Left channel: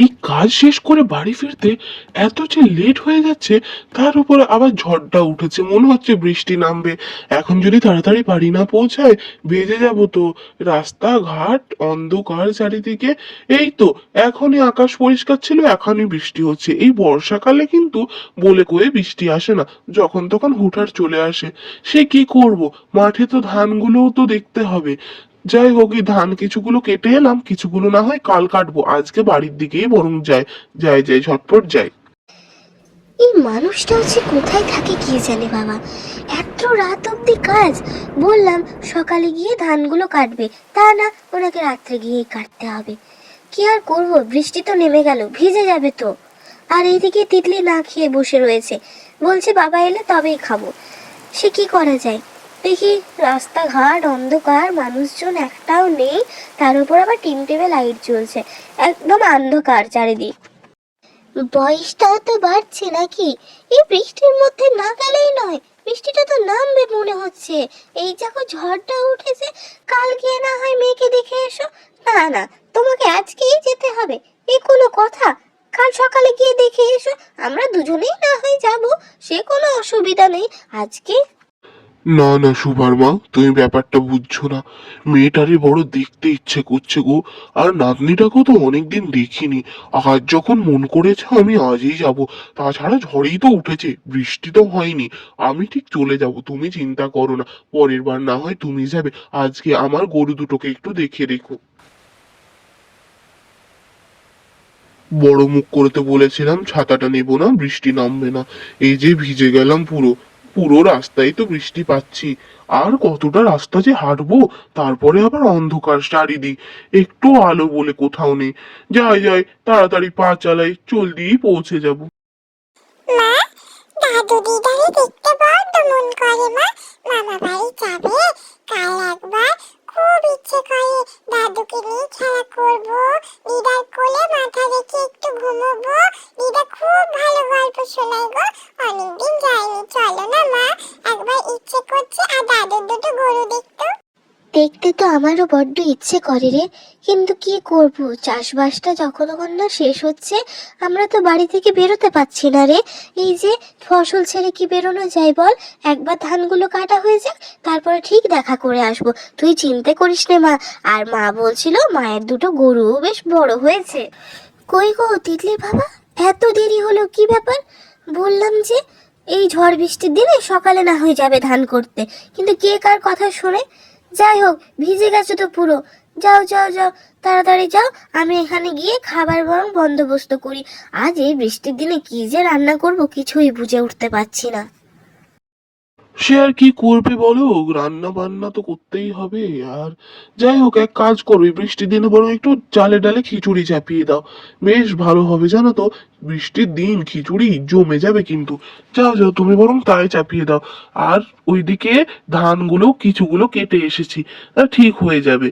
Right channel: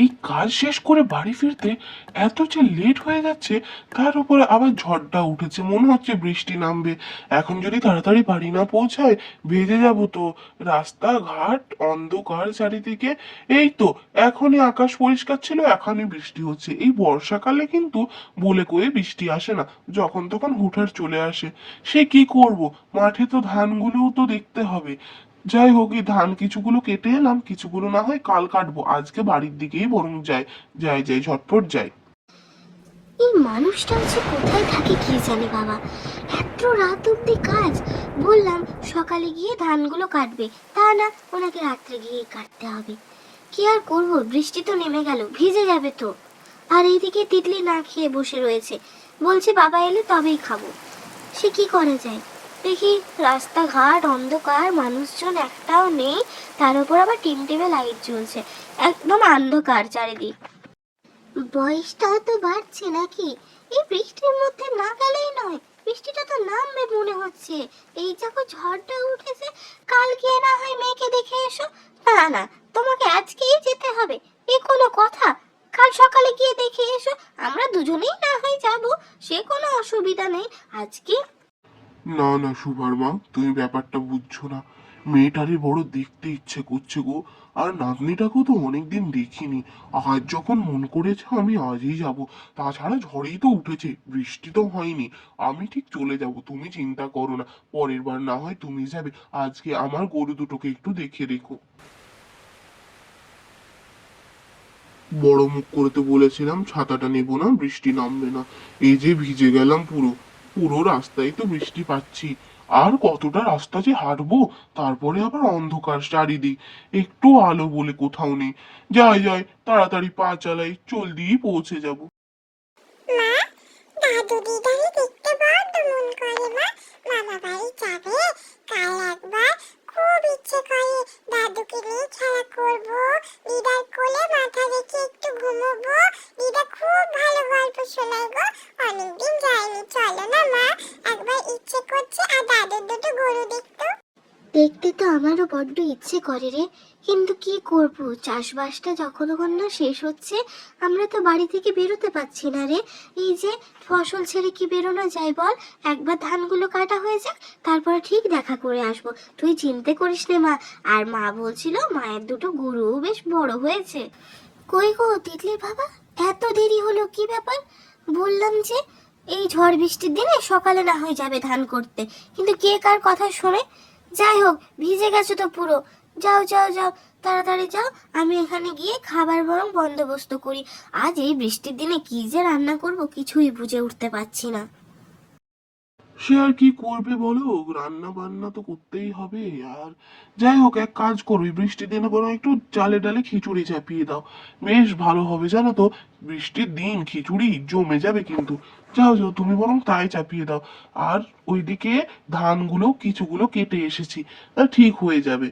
এই কাজ শেষ করে বাড়ি ফিরতে এত যে লেট হয়ে যাচ্ছে, তার উপরে আবার ঝড়টা উঠেছে, মনে হচ্ছে বৃষ্টি নামবে। এখন যদি তাড়াতাড়ি বাড়ি না পৌঁছায় বেজে যাব তো। রাস্তাঘাট অন্ধকার চারিদিকে। এই তো এখনই আকাশ পরিষ্কার ছিল, এখনই বৃষ্টি হচ্ছে। এই বর্ষাকালে কিন্তু বলে কয়ে বৃষ্টি আসে না, যখন তখন হুটহাট চলে আসে। সে কি করব, মাঠে তো ধানগুলোও তো দেখতে হবে। যাই হোক, এই ধান কিছুগুলো কেটে এলাম, কিছুগুলো না হয় কাল কাটবো। আজকে বাড়ির দিকেই বরং যাই, যাই যাই ঝটপট যাই। এই মানুষটা হচ্ছে কোথায় থাকে কি জানে বাবা, এত রাত অব্দি কাজ। বললাম সকালে গিয়ে ধানগুলো কাটবে, তা না, ওনাকে রাত্রে গিয়েই কাটতে হবে। কি আর করবো, বৃষ্টি তো নেমে গেল, ভিজে যাবে তো। আর এইদিকে তিতলি না খেয়ে বসে রয়েছে, বলছে বাবা এলে তবেই খাবো। সে কি করা যায়। দেখি রাস্তাঘাট অন্ধকার, মানুষজন একটাও নেই, তার উপর আবার টিমটিমে লাইট জ্বলছে, একদম অন্ধকার চারিদিক। বয়সটাও তো বাড়ছে নাকি, এই বৃষ্টির মধ্যে না গেলেই নয়। বৃষ্টিটা তো নামবে মনে হচ্ছে, এই যখন ঝড়টা উঠেছে। কাল গিয়ে না হয় মেয়েকে দেখে এসো। না না, তোমাকে আজকেই যেতে হবে, এ কোনো কথা? কাল সকালে গিয়ে দেখে এসো, আমরা দুজনেই না হয় যাব, সে কোনো অসুবিধা নেই। আজকে না না সুভার মা, তুমি ব্যাপারটা বুঝছো না। মেয়েটারে বড় দেখতে ইচ্ছে করছে গো। আর নাতনিটাকেও তো অনেকদিন দেখিনি। আজ যখন মন করেছে আমি আজই যাব। তাছাড়া ঝড়েই তো উঠেছে, বৃষ্টি তো হয়নি। আমি ঠিক চলে যাব, তুমি চিন্তা করো না। পরের বার না হয় তুমি যাবে। আজকে আমার গরু দুটোকে একটু দেখে রেখো। বড় মুখ করতে বলেছিলাম ছাতাটা নেব না, বৃষ্টি নামবে না। এই যে ভিজে গেলাম পুরো। পুরো রাস্তায় তো বৃষ্টি পাচ্ছি। আর কতটা রাস্তা যে হাঁটবো, তারপরে আবার অন্ধকার চারিদিক, একটু আলো বলে কোথাও নেই। যাই যাই, তাড়াতাড়ি পা চালাই, জলদি পৌঁছে যাব। মা, দাদু দিদারে দেখতে বড্ড মন করে মা। মামা বাড়ি যাবে কাল একবার, খুব ইচ্ছে করে। দাদুকে নিয়ে খেলা করব, দিদার কোলে মাথা রেখে একটু ঘুমোবো। দিদা খুব ভালো গল্প শোনায় গো, অনেকদিন যায়নি। চলো না মা, একবার ইচ্ছে করছে আর দাদুর দুটো গরু দেখতো। দেখতে তো আমারও বড্ড ইচ্ছে করে রে, কিন্তু কি করব, চাষবাসটা যখন না শেষ হচ্ছে, আমরা তো বাড়ি থেকে বেরোতে পারছি না রে। এই যে ফসল ছেড়ে কি বেরোনো যায় বল? একবার ধানগুলো কাটা হয়ে যাক, তারপরে ঠিক দেখা করে আসব। তুই চিন্তা করিস নে মা। আর মা বলছিল মায়ের দুটো গরু বেশ বড় হয়েছে। কই গো তিতলির বাবা, এত দেরি হলো, কি ব্যাপার? বললাম যে এই ঝড় বৃষ্টির দিনে সকালে না হয়ে যাবে ধান করতে, কিন্তু কে কার কথা শোনে। যাই হোক, ভিজে গেছো তো পুরো। যাও যাও যাও, তাড়াতাড়ি যাও, আমি এখানে গিয়ে খাবার বরং বন্দোবস্ত করি। আজ এই বৃষ্টির দিনে কি যে রান্না করব কিছুই বুঝে উঠতে পারছি না। সে আর কি করবে বলো, রান্না বান্না তো করতেই হবে। আর যাই হোক, এক কাজ করো, এই বৃষ্টির দিনে বরং একটু চালে ডালে খিচুড়ি চাপিয়ে দাও। বেশ ভালো হবে জানো তো। বৃষ্টির দিন খিচুড়ি জমে যাবে কিন্তু। যাও যাও, তুমি বরং তাই চাপিয়ে দাও। আর ওইদিকে ধানগুলো কিছুগুলো কেটে এসেছি, ঠিক হয়ে যাবে।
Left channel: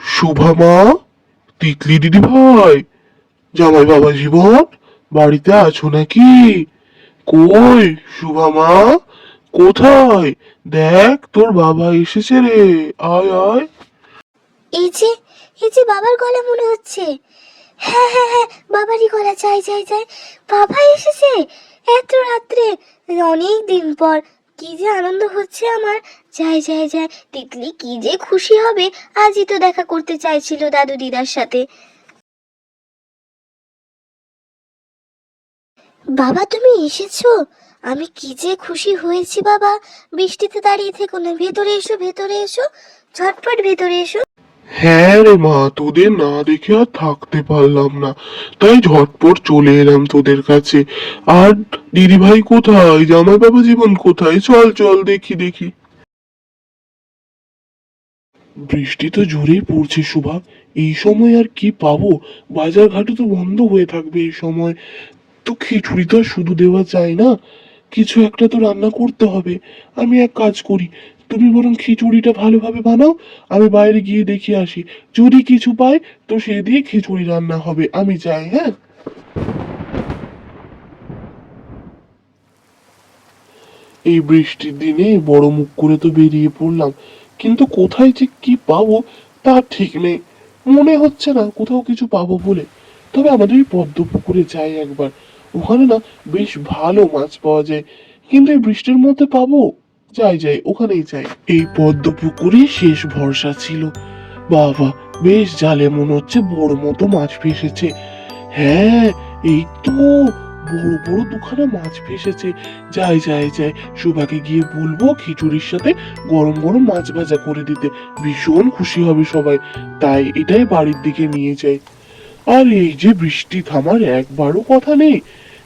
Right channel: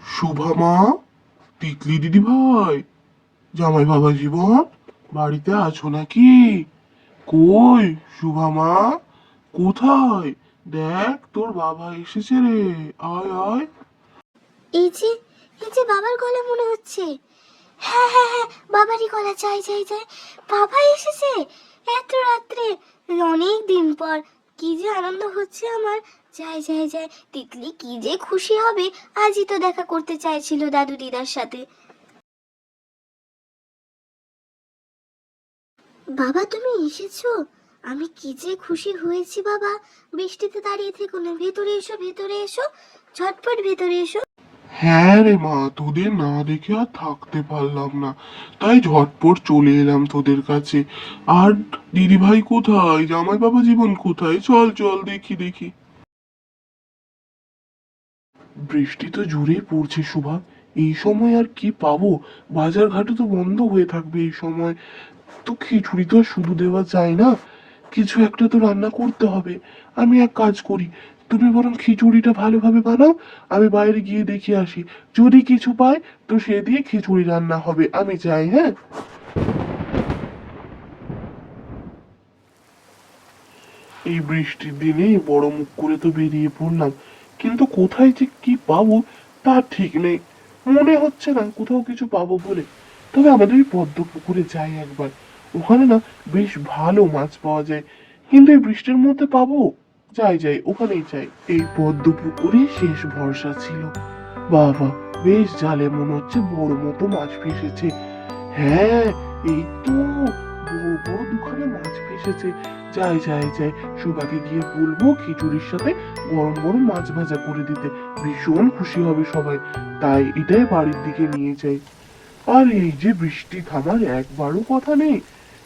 শুভা মা, তিতলি দিদি ভাই, জামাই বাবা জীবন, বাড়িতে আছো নাকি? কই শুভা মা, কোথায়? দেখ তোর বাবা এসেছে রে, আয় আয়। এই যে, এই যে বাবার গলা মনে হচ্ছে। হ্যাঁ হ্যাঁ হ্যাঁ, বাবারই গলা, চাই চাই চাই। বাবা এসেছে এত রাত্রে, অনেক দিন পর। কি যে আনন্দ হচ্ছে আমার। যাই যাই যাই, তিতলি কি যে খুশি হবে। আজই তো দেখা করতে চাইছিল দাদু দিদার সাথে। বাবা তুমি এসেছো, আমি কি যে খুশি হয়েছি বাবা। বৃষ্টিতে দাঁড়িয়ে থেকো না, ভেতরে এসো ভেতরে এসো, ঝটপট ভেতরে এসো। হ্যাঁ রে মা, তোদের না দেখে আর থাকতে পারলাম না, তাই ঝটপট চলে এলাম তোদের কাছে। আর দিদি ভাই কোথায়, জামাই বাবা জীবন কোথায়? চল চল দেখি দেখি। বৃষ্টি তো জোরেই পড়ছে শোভা। এই সময় আর কি পাবো? বাজার ঘাটে তো বন্ধ হয়ে থাকবে এই সময়। তো খিচুড়ি তো আর শুধু দেওয়া যায় না, কিছু একটা তো রান্না করতে হবে। আমি এক কাজ করি, তুমি বরং খিচুড়িটা ভালোভাবে বানাও, আমি বাইরে গিয়ে দেখে আসি। যদি কিছু পাই তো সে দিয়ে খিচুড়ি রান্না হবে। আমি যাই, হ্যাঁ। এই বৃষ্টির দিনে বড় মুখ করে তো বেরিয়ে পড়লাম, কিন্তু কোথায় যে কি পাবো তার ঠিক নেই। মনে হচ্ছে না কোথাও কিছু পাবো বলে। তবে আমাদের ওই পদ্ম পুকুরে যাই একবার, ওখানে না বেশ ভালো মাছ পাওয়া যায়। কিন্তু এই বৃষ্টির মধ্যে পাবো? যাই যাই, ওখানেই যাই। এই পদ্ম পুকুরে শেষ ভরসা ছিল। বাবা, বেশ জালে মনে হচ্ছে বড় মতো মাছ ভেসেছে। হ্যাঁ, এই তো বড় বড় দুখানা মাছ ভেসেছে। যাই যাই যাই, সুভাকে গিয়ে বলবো খিচুড়ির সাথে গরম গরম মাছ ভাজা করে দিতে। ভীষণ খুশি হবে সবাই। তাই এটাই বাড়ির দিকে নিয়ে যাই। আর এই যে বৃষ্টি থামার একবারও কথা নেই।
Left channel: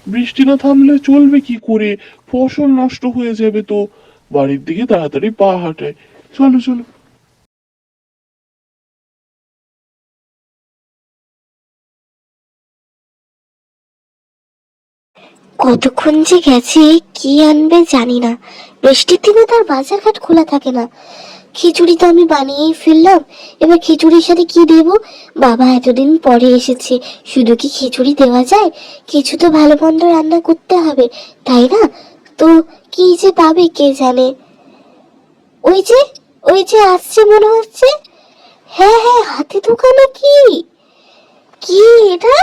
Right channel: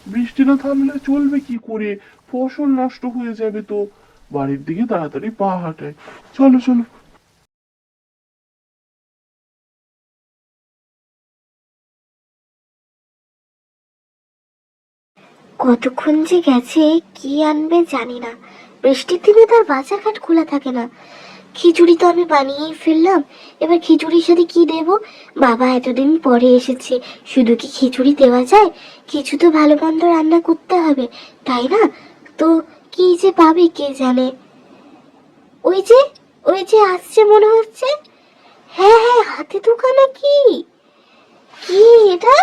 বৃষ্টি না থামলে চলবে কি করে? ফসল নষ্ট হয়ে যাবে তো। বাড়ির দিকে তাড়াতাড়ি পা হাঁটায়। চলো চলো। কতক্ষণ যে গেছে, কি আনবে জানি না। বৃষ্টির দিনে তো আর বাজারঘাট খোলা থাকে না। খিচুড়ি তো আমি বানিয়েই ফেললাম, এবার খিচুড়ির সাথে কি দেব? বাবা এতদিন পরে এসেছে, শুধু কি খিচুড়ি দেওয়া যায়? কিছু তো ভালো মন্দ রান্না করতে হবে, তাই না? তো কি যে পাবে কে জানে। ওই যে, ওই যে আসছে মনে হচ্ছে। হ্যাঁ হ্যাঁ, হাতে দোকানে কি কি এটা?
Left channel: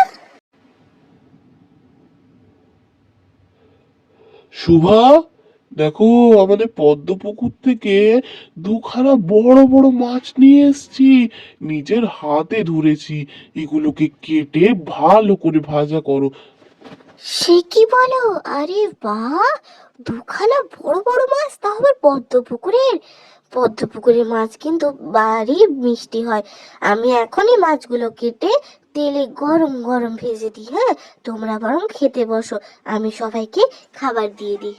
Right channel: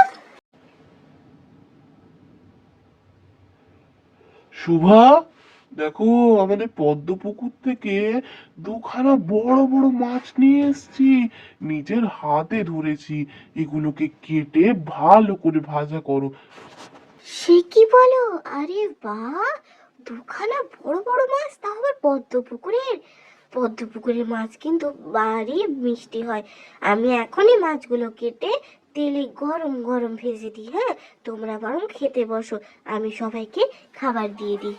শুভা, দেখো, আমাদের পদ্ম পুকুর থেকে দুখানা বড় বড় মাছ নিয়ে এসেছি। নিজের হাতে ধরেছি। এগুলোকে কেটে ভালো করে ভাজা করো। সে কি বলো? আরে বাহ, দুখানা বড় বড় মাছ, তা আবার পদ্ম পুকুরের। পদ্ম পুকুরের মাছ কিন্তু ভারী মিষ্টি হয়। আমি এখনই মাছগুলো কেটে তেলে গরম গরম ভেজে দিই, হ্যাঁ? তোমরা বরং খেতে বসো, আমি সবাইকে খাবার দিয়ে দিই।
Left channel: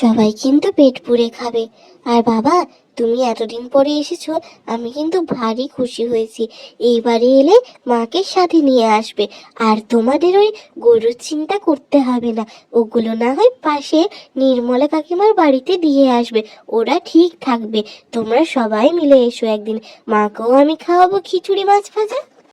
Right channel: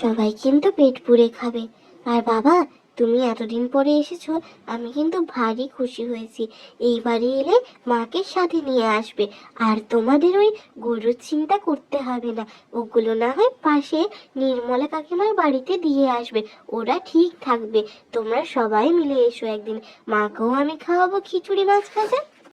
সবাই কিন্তু পেট পুড়ে খাবে। আর বাবা, তুমি এতদিন পরে এসেছো, আমি কিন্তু ভারী খুশি হয়েছি। এইবারে এলে মাকে সাথে নিয়ে আসবে। আর তোমাদের ওই গরুর চিন্তা করতে হবে না, ওগুলো না হয় পাশে নির্মলা কাকিমার বাড়িতে দিয়ে আসবে, ওরা ঠিক থাকবে। তোমরা সবাই মিলে এসো একদিন, মাকেও আমি খাওয়াবো খিচুড়ি মাছ ভাজা।